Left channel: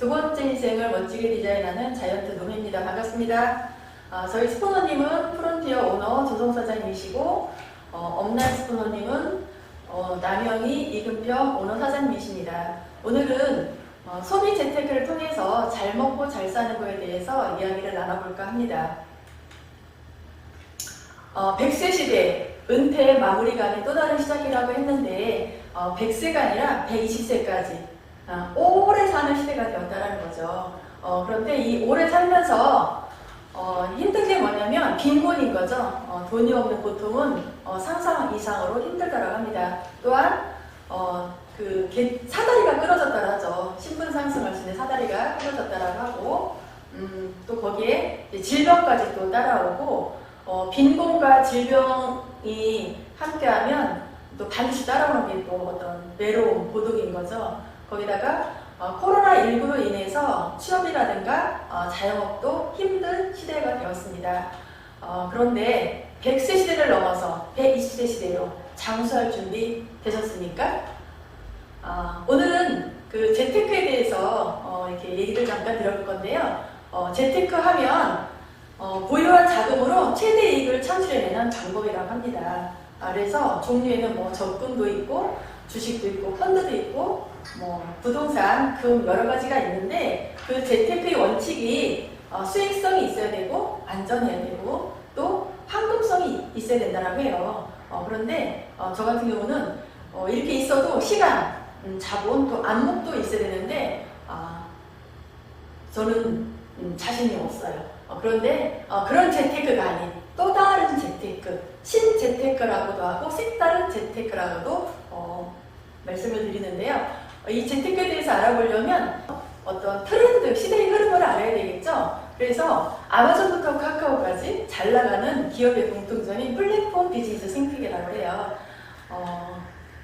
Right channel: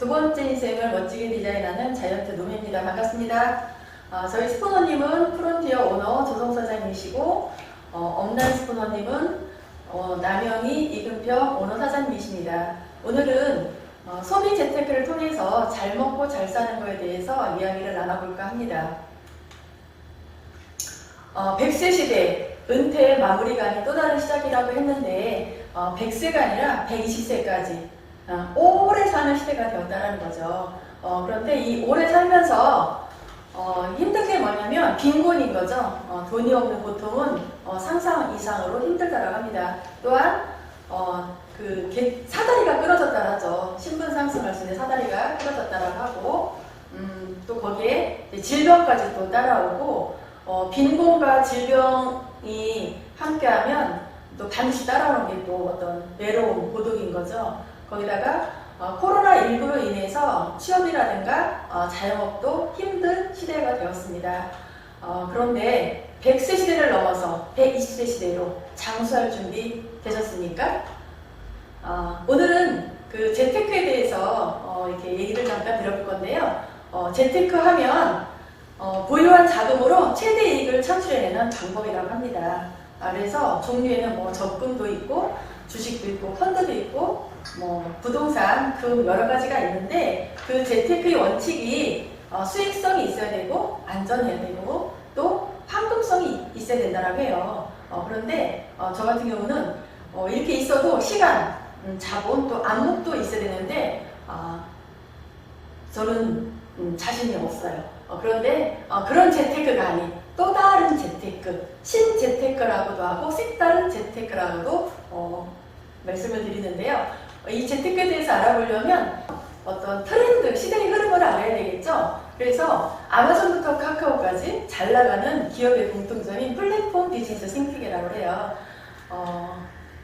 두 번째 인생을 멋지게 디자인하는 자이언트 노매입니다. 반갑습니다. 저희 스포너님은 프론티어 오너 조성사장님이시고 업라인 스포너님은 남영희 이금표 오너 사장님이십니다. 오늘은 소비 재테크를 통해서 잘 먹고 잘 사는 것에 대해서 이야기를 나눠볼까 합니다. 100세 시대 은퇴의 마무리감이 또 다른 시작이라고 했는데 100세가 아니라 120세까지 오래 사는 시대가 되었다는 거죠. 그런데 이 오래 살면서 힘든 게 뭐냐면 빈곤인 거죠. 돈이 없는 보통은 상상 이상으로 힘들다고 합니다. 또한 사다리가 끊어졌다고 하죠. 신분 상승할 수 있는 사다리가 끊어졌다고 하고 또 거기에 질병까지 또 따라오고 빈곤과 질병이 함께하면 또 반드시 따라오는 게 또 어떤 외로움, 고독인 거죠. 거기다가 코로나19로 인해서 취업이라든가 자영업도 힘든 시대가 되었습니다. 그런데 100세 시대를 넘어서 120세 시대로 장수할 준비 되셨습니까? 오늘은 그 재테크에 대해서 이렇게 얘기를 잠깐 들어볼 건데요. 재테크 하면 보유한 자금으로 최대 이익을 창출해내는 방법이라고 합니다. 그래서 종류에는 뭐 적금도 있고 주식도 있고 펀드도 있고 부동산 그 여러 가지가 있는데 그 재테크의 원칙이 수익성이 있어야 되고 안전해야 되고 또 황금성이 있어야 된다고 해요. 그런데 저 같은 경우는 이렇게 있어도 시간, 자본 또 안목도 있어야 되는데 저는 자신이 없어요. 그런데 그런 재테크가 아닌 또 다른 재테크, 신재테크라고도 하고 색다른 재테크라고도 말씀을 드리는데요. 이 재테크에 대해서 알아보려면 어떤 트렌드, 시대의 흐름을 알아야 되겠죠. 그래서 아마존부터 카카오까지 잘 나가는 기업의 공통점인 플랫폼 비즈니스 생태계라고 해요.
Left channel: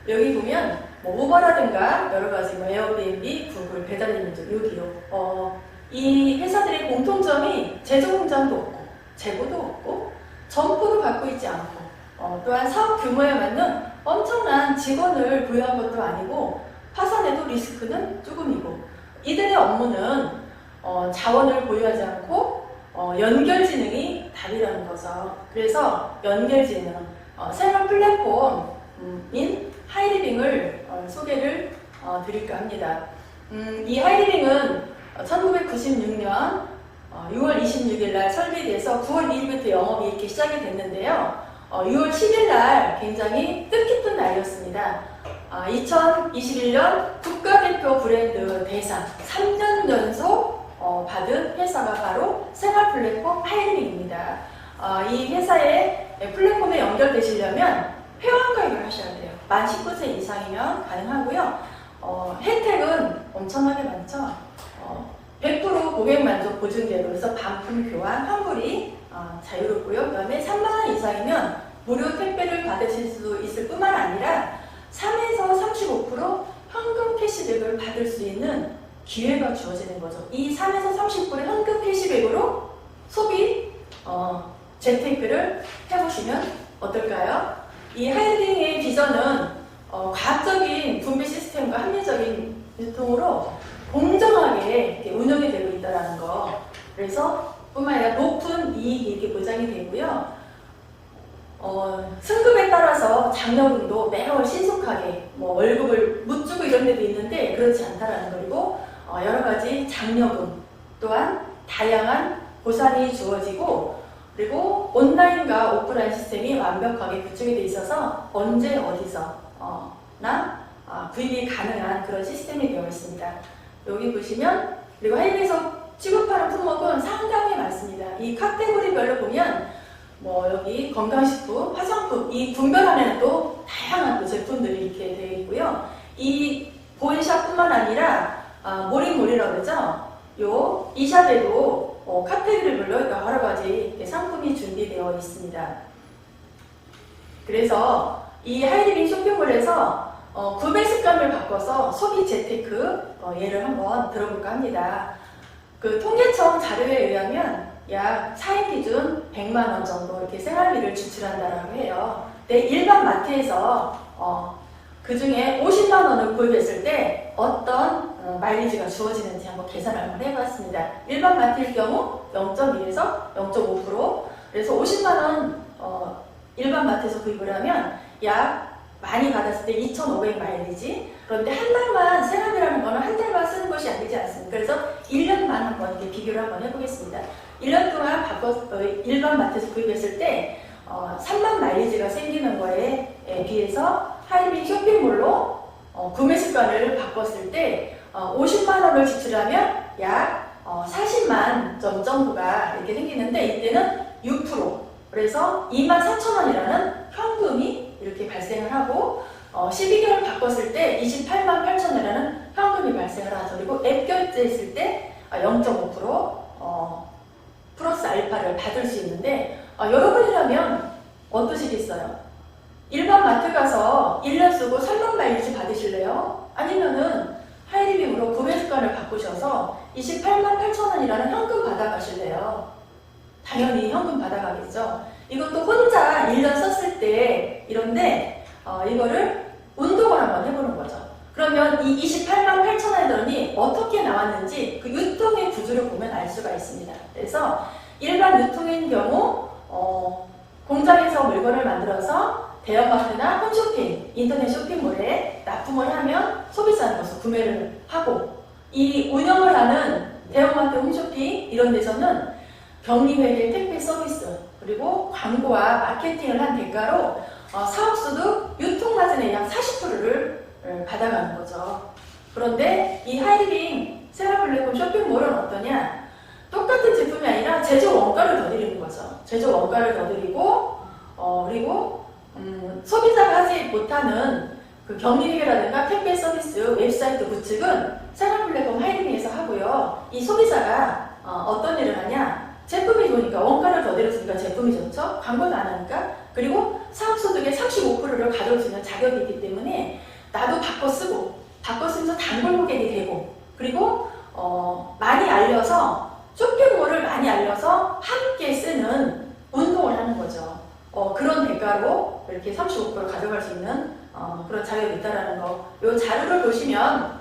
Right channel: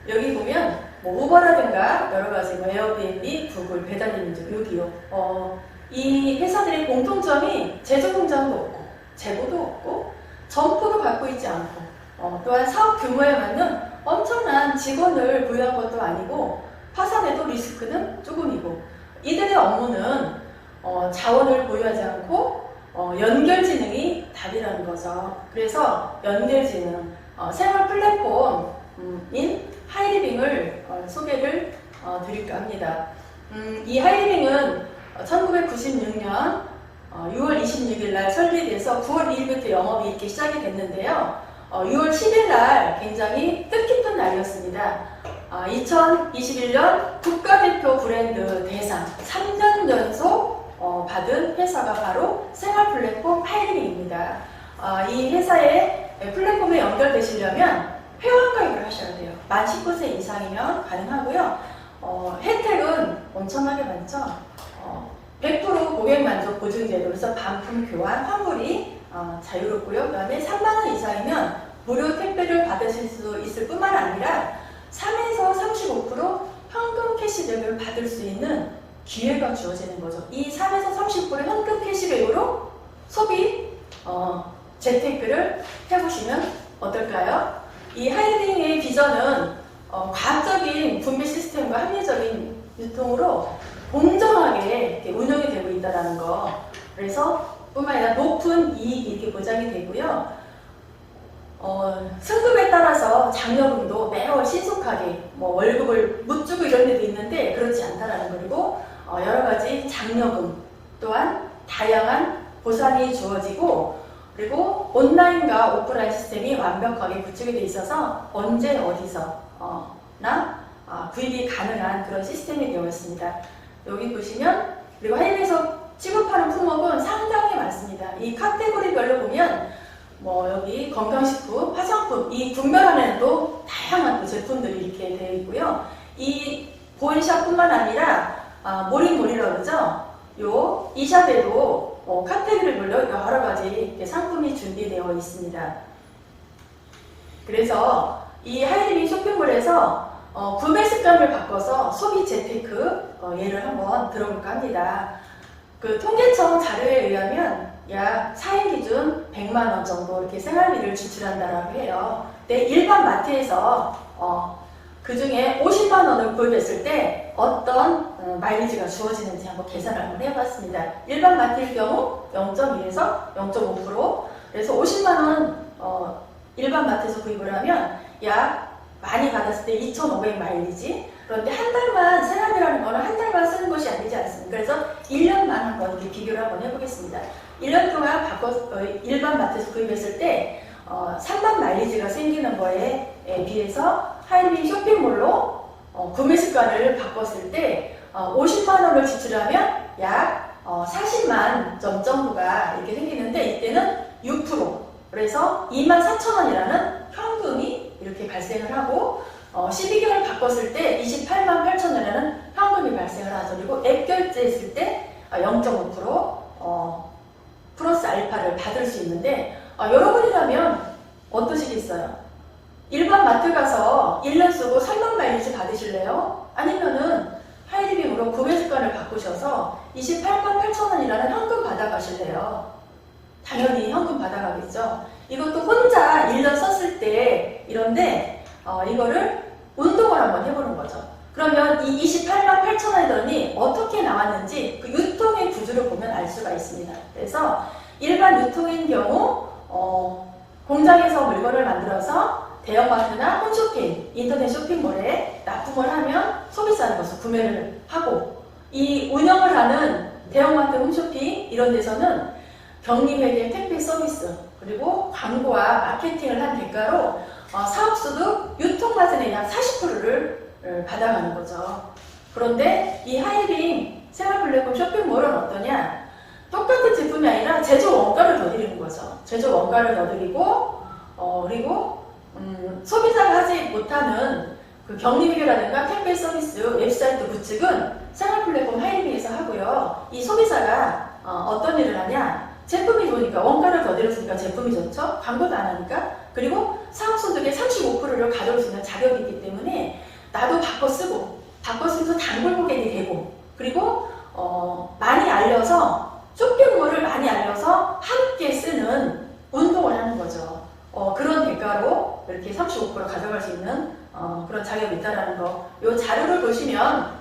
여기 보면 우버라든가 여러 가지 에어비앤비, 구글, 배달민족, 요기요. 이 회사들의 공통점이 재정 공장도 없고 재고도 없고 점포도 갖고 있지 않고 또한 사업 규모에 맞는 엄청난 직원을 부여한 것도 아니고 파산해도 리스크는 조금이고 이들의 업무는 자원을 보유하지 않고 연결지능이 답이라는 거죠. 그래서 연결지능, 생활 플랫폼인 하이리빙을 소개를 드릴까 합니다. 이 하이리빙은 1996년 6월 26일 날 설립돼서 9월 2일부터 영업이 이렇게 시작이 됐는데요. 6월 10일 날 굉장히 뜻깊은 날이었습니다. 2021년 국가대표 브랜드 대상 3년 연속 받은 회사가 바로 생활 플랫폼 하이리빙입니다. 이 회사의 플랫폼에 연결되시려면 회원가입을 하셔야 돼요. 만 19세 이상이면 가능하고요. 혜택은 엄청나게 많죠. 100% 고객 만족 보증제도, 그래서 반품 교환, 환불이 자유롭고요. 그 다음에 3만원 이상이면 무료 택배를 받으실 수 있을 뿐만 아니라 3에서 35% 현금 캐시백을 받을 수 있는 기회가 주어지는 거죠. 이 3에서 30% 현금 캐시백으로 소비, 재테크를 해보시면 어떨까요? 이 하이리빙의 비전은 과학적인 분배 시스템과 합리적인 유통으로 공정하게 이렇게 운영이 되고 있다는 거. 그래서 뿐만 아니라 높은 이익이 이렇게 보장이 되고요. 승급에 따라서 장려금도 매월 신속하게 월급을 못 주고 이런 데도 있는데 그렇지 않다라는 거. 그리고 여러 가지 장려금 또한 다양한 보상이 주어지고 그리고 온라인과 오프라인 시스템이 완벽하게 구축이 되어 있어서 언제 어디서 구입이 가능한 그런 시스템이 되어 있습니다. 여기 보시면 그리고 하이리빙에서 취급하는 품목은 상당히 많습니다. 이 카테고리별로 보면 여기 건강식품, 화장품 이 분별 안에도 다양한 또 제품들이 이렇게 되어 있고요. 이 보이샵뿐만 아니라 모리모리라고 그러죠. 이 샵에도 카테고리별로 여러 가지 상품이 준비되어 있습니다. 그래서 이 하이리빙 쇼핑몰에서 구매 습관을 바꿔서 소비 재테크 예를 한번 들어볼까 합니다. 그 통계청 자료에 의하면 약 4인 기준 100만원 정도 이렇게 생활비를 지출한다라고 해요. 근데 일반 마트에서 그 중에 50만원을 구입했을 때 어떤 마일리지가 주어지는지 한번 계산을 한번 해봤습니다. 일반 마트일 경우 0.1에서 0.5%, 그래서 50만원 일반 마트에서 구입을 하면 약 많이 받았을 때 2,500 마일리지. 그런데 한 달만 세람이라는 거는 한 달만 쓰는 것이 아니지 않습니까? 그래서 1년만 한번 이렇게 비교를 한번 해보겠습니다. 1년 동안 일반 마트에서 구입했을 때 3만 마일리지가 생기는 거에 비해서 하이리빙 쇼핑몰로 구매 습관을 바꿨을 때 50만 원을 지출하면 약 40만 점 정도가 이렇게 생기는데 이때는 6%, 그래서 24,000원이라는 현금이 이렇게 발생을 하고 12개월 바꿨을 때 28만 8천원이라는 현금이 발생을 하죠. 그리고 앱 결제했을 때 0.5% 플러스 알파를 받을 수 있는데 여러분이라면 어떠시겠어요? 일반 마트 가서 1년 쓰고 3만 마일리지 받으실래요? 아니면은 하이리빙으로 구매 습관을 바꾸셔서 28만 8천원이라는 현금 받아가실래요? 당연히 현금 받아가겠죠. 이것도 혼자 1년 썼을 때 이런데 이거를 운동을 한번 해보는 거죠. 그러면 이 28만 8천원의 돈이 어떻게 나왔는지 그 유통의 구조를 보면 알 수가 있습니다. 그래서 일반 유통인 경우 공장에서 물건을 만들어서 대형마트나 홈쇼핑, 인터넷 쇼핑몰에 납품을 하면 소비자는 것을 구매를 하고, 이 운영을 하는 대형마트, 홈쇼핑 이런 데서는 격리회계 택배 서비스 그리고 광고와 마케팅을 한 대가로 사업소득 유통마진의 약 40%를 받아가는 거죠. 그런데 이 하이리빙 생활플랫폼 쇼핑몰은 어떠냐? 똑같은 제품이 아니라 제조 원가를 더 드리는 거죠. 제조 원가를 더 드리고 그리고 소비자가 하지 못하는 그 격리회계라든가 택배 서비스, 웹사이트 구축은 생활플랫폼 하이리빙에서 하고요. 이 소비자가 어떤 일을 하냐? 제품이 좋으니까 원가를 더 내렸으니까 제품이 좋죠. 광고도 안 하니까. 그리고 사업소득의 35%를 가져올 수 있는 자격이 있기 때문에 나도 바꿔 쓰면서 단골 고객이 되고, 그리고 많이 알려서 쇼핑몰을 많이 알려서 함께 쓰는 운동을 하는 거죠. 그런 대가로 이렇게 35% 가져갈 수 있는 그런 자격이 있다는 거. 이 자료를 보시면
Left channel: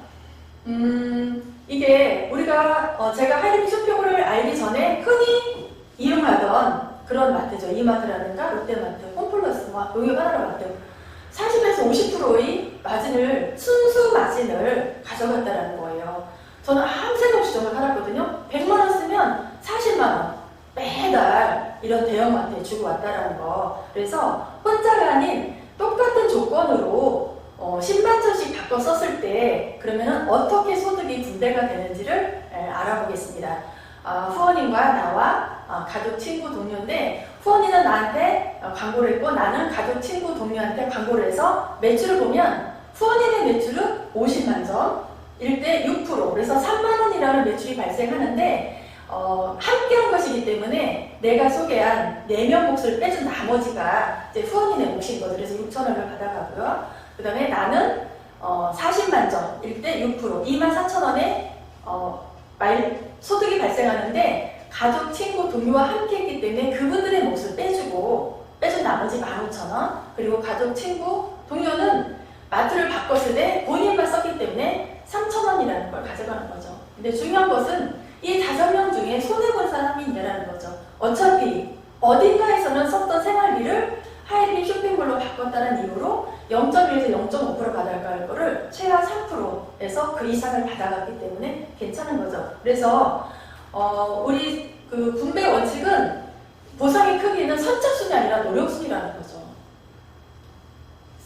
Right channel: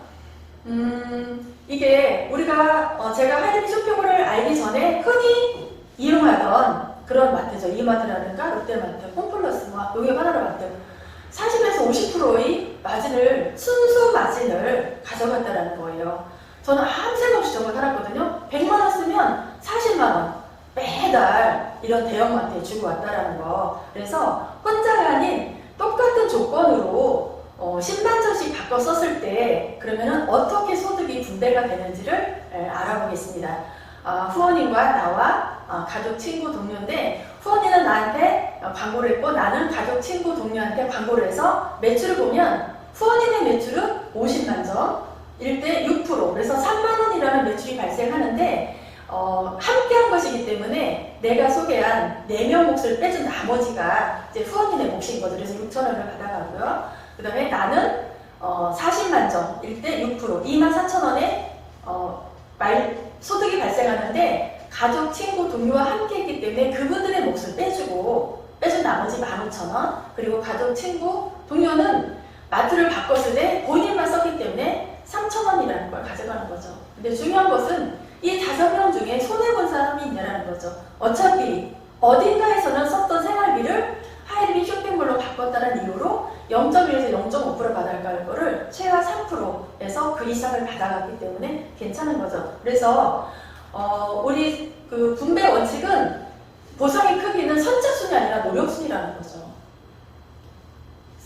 이게 우리가 제가 하이리빙 쇼핑몰을 알기 전에 흔히 이용하던 그런 마트죠. 이마트라든가 롯데마트, 홈플러스와 용역하나마트 40에서 50%의 마진을, 순수 마진을 가져갔다는 거예요. 저는 아무 생각 없이 정말 살았거든요. 100만 원 쓰면 40만 원 매달 이런 대형마트에 주고 왔다라는 거. 그래서 혼자가 아닌 똑같은 조건으로 10만 점씩 바꿔 썼을 때 그러면 어떻게 소득이 분배가 되는지를 알아보겠습니다. 후원인과 나와 가족, 친구, 동료인데 후원인은 나한테 광고를 했고 나는 가족, 친구, 동료한테 광고를 해서 매출을 보면 후원인의 매출은 50만 점일 때 6%, 그래서 3만 원이라는 매출이 발생하는데 함께 한 것이기 때문에 내가 소개한 4명 몫을 빼준 나머지가 이제 후원인의 몫인 거죠. 그래서 6,000원을 받아가고요. 그 다음에 나는 40만 점일 때 6%, 24,000원의 소득이 발생하는데 가족, 친구, 동료와 함께 했기 때문에 그분들의 몫을 빼준 나머지 15,000원, 그리고 가족, 친구, 동료는 마트를 바꿨을 때 본인만 썼기 때문에 3,000원이라는 걸 가져가는 거죠. 근데 중요한 것은 이 5명 중에 손해본 사람이 있냐라는 거죠. 어차피 어딘가에서는 썼던 생활비를 하이리빙 쇼핑몰로 바꿨다는 이유로 0.1에서 0.5% 받아갈 거를 최하 3%에서 그 이상을 받아갔기 때문에 괜찮은 거죠. 그래서 우리 그 분배 원칙은 보상의 크기는 선착순이 아니라 노력순이라는 거죠.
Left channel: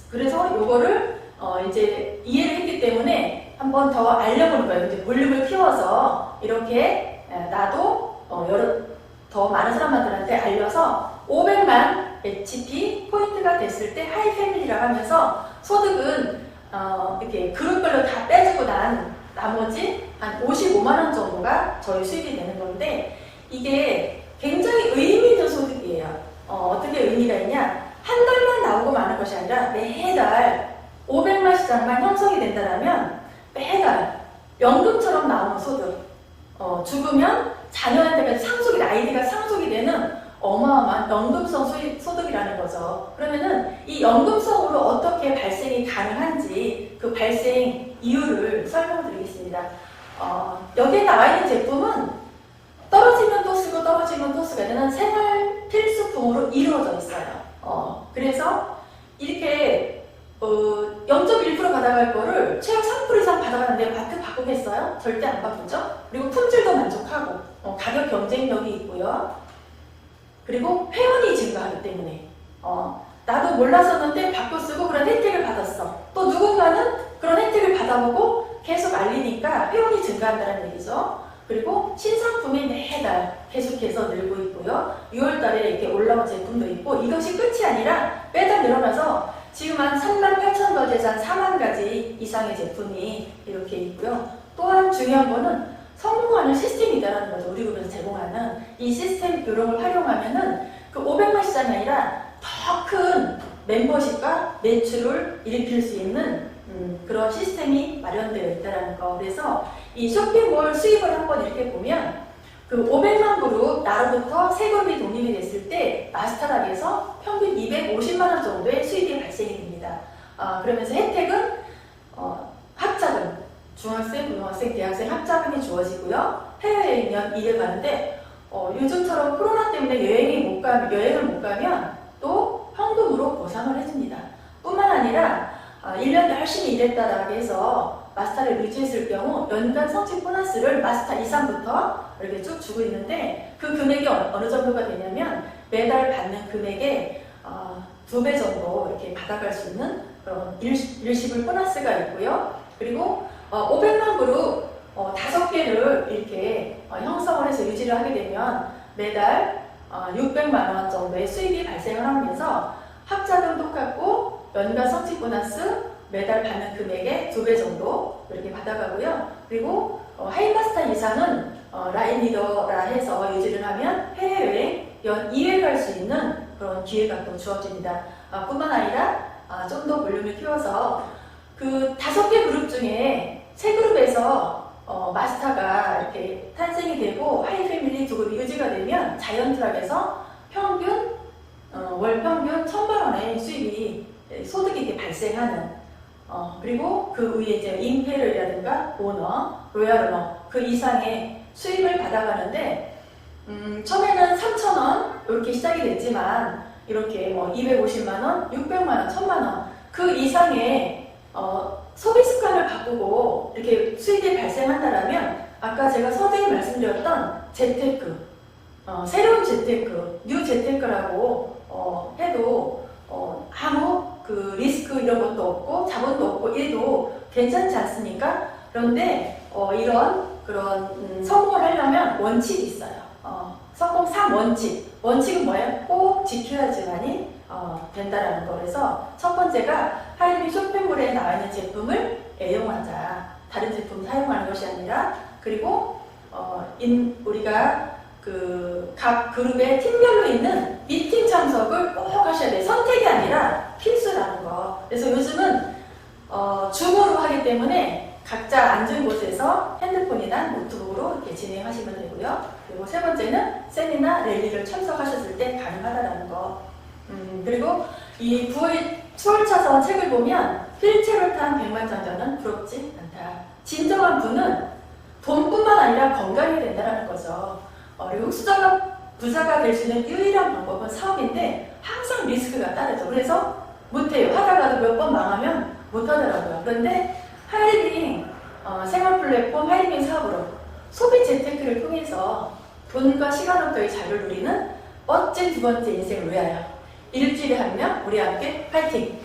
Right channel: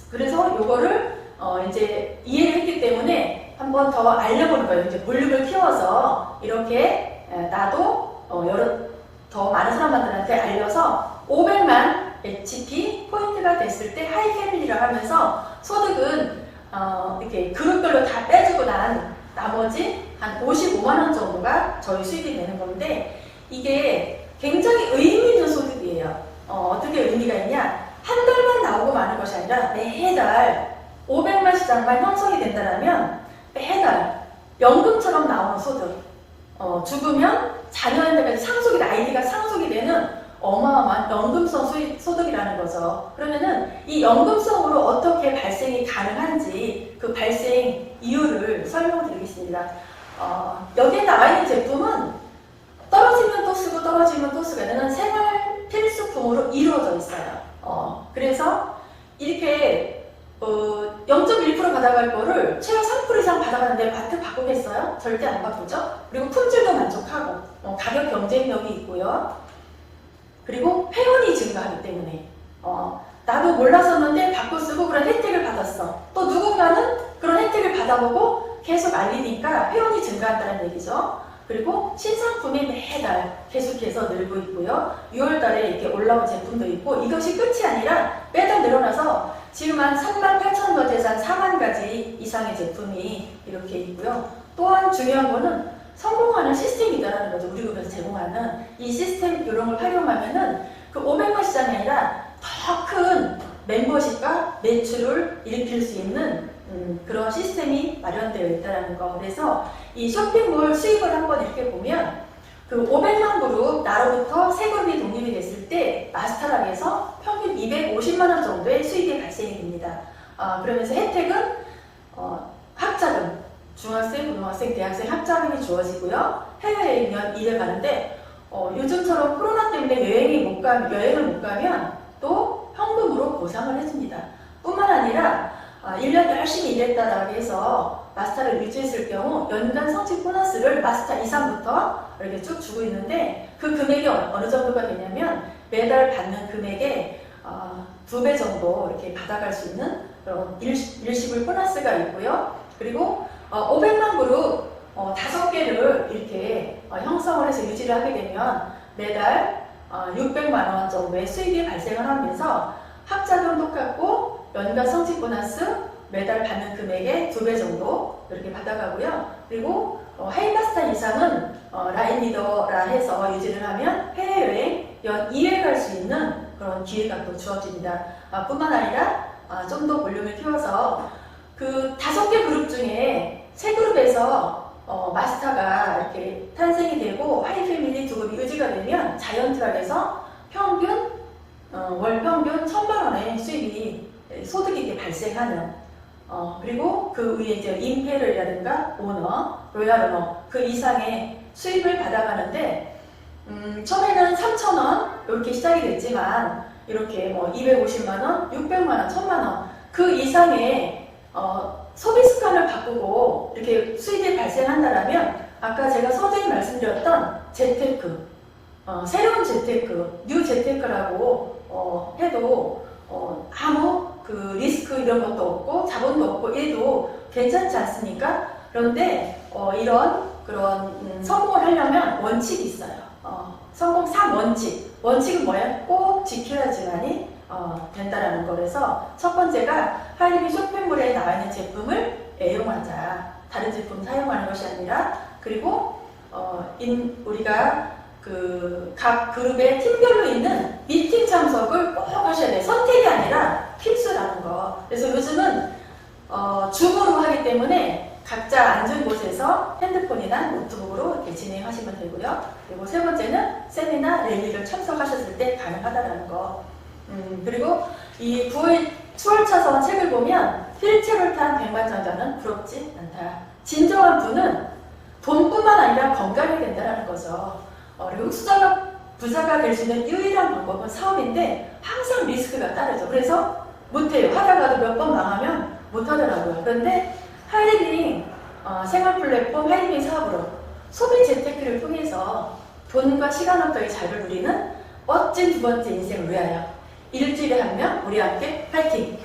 그래서 이거를 이제 이해를 했기 때문에 한 번 더 알려보는 거예요. 이제 볼륨을 키워서 이렇게 나도 더 많은 사람들한테 알려서 500만 HP 포인트가 됐을 때 하이 패밀리라고 하면서 소득은 이렇게 그룹별로 다 빼주고 난 나머지 한 55만 원 정도가 저희 수익이 되는 건데 이게 굉장히 의미 있는 소득이에요. 어떻게 의미가 있냐? 한 달만 나오고 마는 것이 아니라 매달 500만 시장만 형성이 된다면 매달 연금처럼 나오는 소득. 죽으면 자녀한테까지 아이디가 상속이 되는 어마어마한 연금성 소득이라는 거죠. 그러면은 이 연금성으로 어떻게 발생이 가능한지 그 발생 이유를 설명드리겠습니다. 여기에 나와 있는 제품은 떨어지면 또 쓰고 떨어지면 또 쓰게 되는 생활 필수품으로 이루어져 있어요. 그래서 이렇게 0.1% 받아갈 거를 최하 3% 이상 받아가는데 마트 바꾸겠어요? 절대 안 바꾸죠. 그리고 품질도 만족하고 가격 경쟁력이 있고요. 그리고 회원이 증가하기 때문에 나도 몰랐었는데 바꿔 쓰고 그런 혜택을 받았어. 또 누군가는 그런 혜택을 받아보고 계속 알리니까 회원이 증가한다는 얘기죠. 그리고 신상품이 매달 계속해서 늘고 있고요. 6월 달에 이렇게 올라온 제품도 있고 이것이 끝이 아니라 매달 늘어나서 지금 한 38,000가지에서 한 4만 가지 이상의 제품이 이렇게 있고요. 또한 중요한 거는 성공하는 시스템이다라는 거죠. 우리 그룹에서 제공하는 이 시스템 이런 걸 활용하면은 그 500만 시장이 아니라 더 큰 멤버십과 매출을 일으킬 수 있는 그런 시스템이 마련되어 있다는 거. 그래서 이 쇼핑몰 수입을 한번 이렇게 보면 그 500만 그룹 나로부터 세 그룹이 독립이 됐을 때 마스터락에서 평균 250만 원 정도의 수입이 발생이 됩니다. 그러면서 혜택은 학자금, 중학생, 고등학생, 대학생 학자금이 주어지고요. 해외여행 연 2회 가는데 요즘처럼 코로나 때문에 여행을 못 가면 또 현금으로 보상을 해줍니다. 뿐만 아니라 1년 열심히 일했다라고 해서 마스터를 유지했을 경우 연간 성취 보너스를 마스터 이상부터 이렇게 쭉 주고 있는데 그 금액이 어느 정도가 되냐면 매달 받는 금액의 2배 정도 이렇게 받아갈 수 있는 그런 일시불 보너스가 있고요. 그리고 500만 그룹 5개를 이렇게 형성을 해서 유지를 하게 되면 매달 600만 원 정도의 수입이 발생을 하면서 학자금 똑같고 연간 성취 보너스 매달 받는 금액의 2배 정도 이렇게 받아가고요. 그리고 헤이마스터 이상은 라인 리더라 해서 유지를 하면 해외여행 연 2회 갈 수 있는 그런 기회가 또 주어집니다. 뿐만 아니라 좀 더 볼륨을 키워서 그 5개 그룹 중에 3그룹에서 마스터가 이렇게 탄생이 되고 하이패밀리 2그룹이 유지가 되면 자이언트락에서 평균 월 평균 1,000만 원의 수입이 소득이 이렇게 발생하는 그리고 그 위에 이제 임페리얼이라든가 오너, 로얄 오너 그 이상의 수입을 받아가는데 처음에는 3,000원 이렇게 시작이 됐지만 이렇게 뭐 250만 원, 600만 원, 1,000만 원 그 이상의 소비 습관을 바꾸고 이렇게 수입이 발생한다라면 아까 제가 서두에 말씀드렸던 재테크, 새로운 재테크, 뉴 재테크라고 해도 아무 그 리스크 이런 것도 없고 자본도 없고 얘도 괜찮지 않습니까? 그런데 이런 그런 성공을 하려면 원칙이 있어요. 성공 3원칙. 원칙은 뭐예요? 꼭 지켜야지만이 된다라는 거라서 첫 번째가 하이리빙 쇼핑몰에 나와 있는 제품을 애용하자. 다른 제품 사용하는 것이 아니라 그리고 우리가 그 각 그룹의 팀별로 있는 미팅 참석을 꼭 하셔야 돼요. 선택이 아니라 필수라는 거. 그래서 요즘은 줌으로 하기 때문에 각자 앉은 곳에서 핸드폰이나 노트북으로 이렇게 진행하시면 되고요. 그리고 세 번째는 세미나, 랠리를 참석하셨을 때 가능하다는 거. 그리고 이 9월 책을 보면 휠체어를 탄 백마장자는 부럽지 않다. 진정한 부는 돈뿐만 아니라 건강이 된다는 거죠. 그리고 부자가 될 수 있는 유일한 방법은 사업인데 항상 리스크가 따르죠. 그래서 못해요. 하다가도 몇 번 망하면 못하더라고요. 그런데 하이리빙 생활 플랫폼 하이리빙 사업으로 소비 재테크를 통해서 돈과 시간부터의 자유를 누리는 멋진 두 번째 인생을 위하여 일주일에 한 명 우리 함께 파이팅!